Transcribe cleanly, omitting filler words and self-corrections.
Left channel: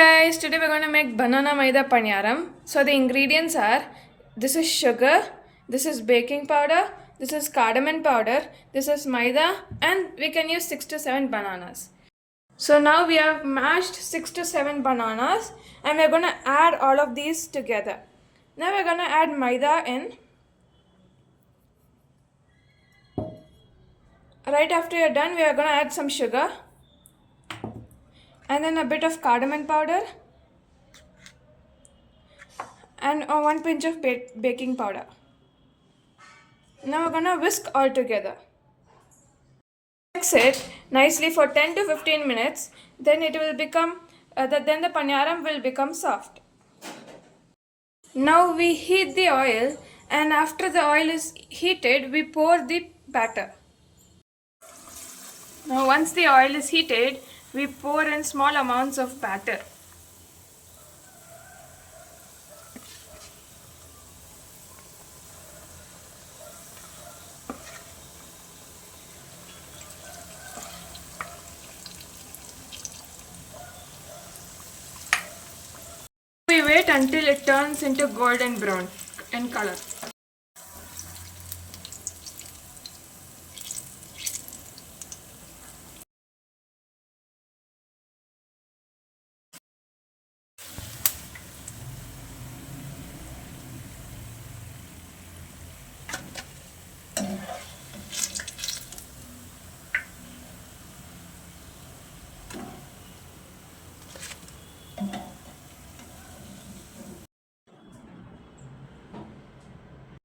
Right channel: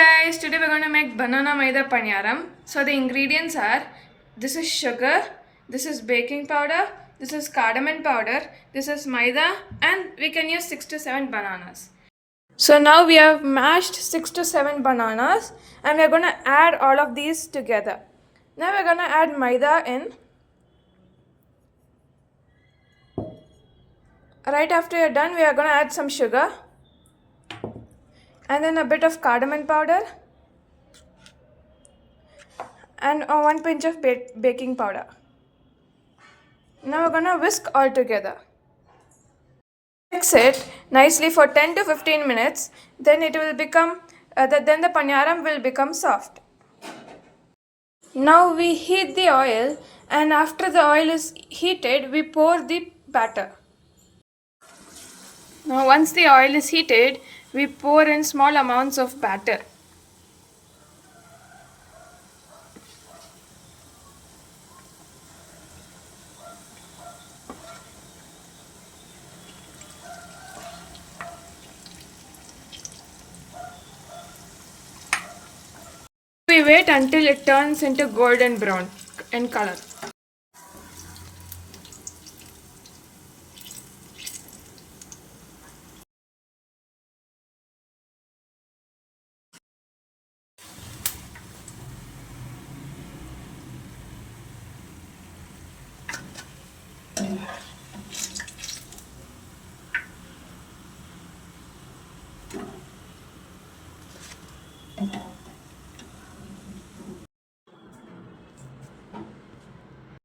Guys, today we're going to make banana maida paniyaram. So the ingredients are, this is sugar, this is baking powder, this is cardamom powder, this is maida, and we can use 6 to 7 bananas. So now we have mashed 6 to 7 bananas and we're going to add all of these together. Now we're going to add maida in. Right after you're done, we are going to add some sugar and then a bit of cardamom powder and 1 pinch of baking powder. Now we're gonna whisk all together. Mix it nicely for 10 to 15 minutes. Then it will become. Then the paniyaram will become soft. Now we heat the oil, and after the oil is heated, we pour the batter. Now once the oil is heated, we pour in small amounts of batter. We wait until it turns into golden brown in color.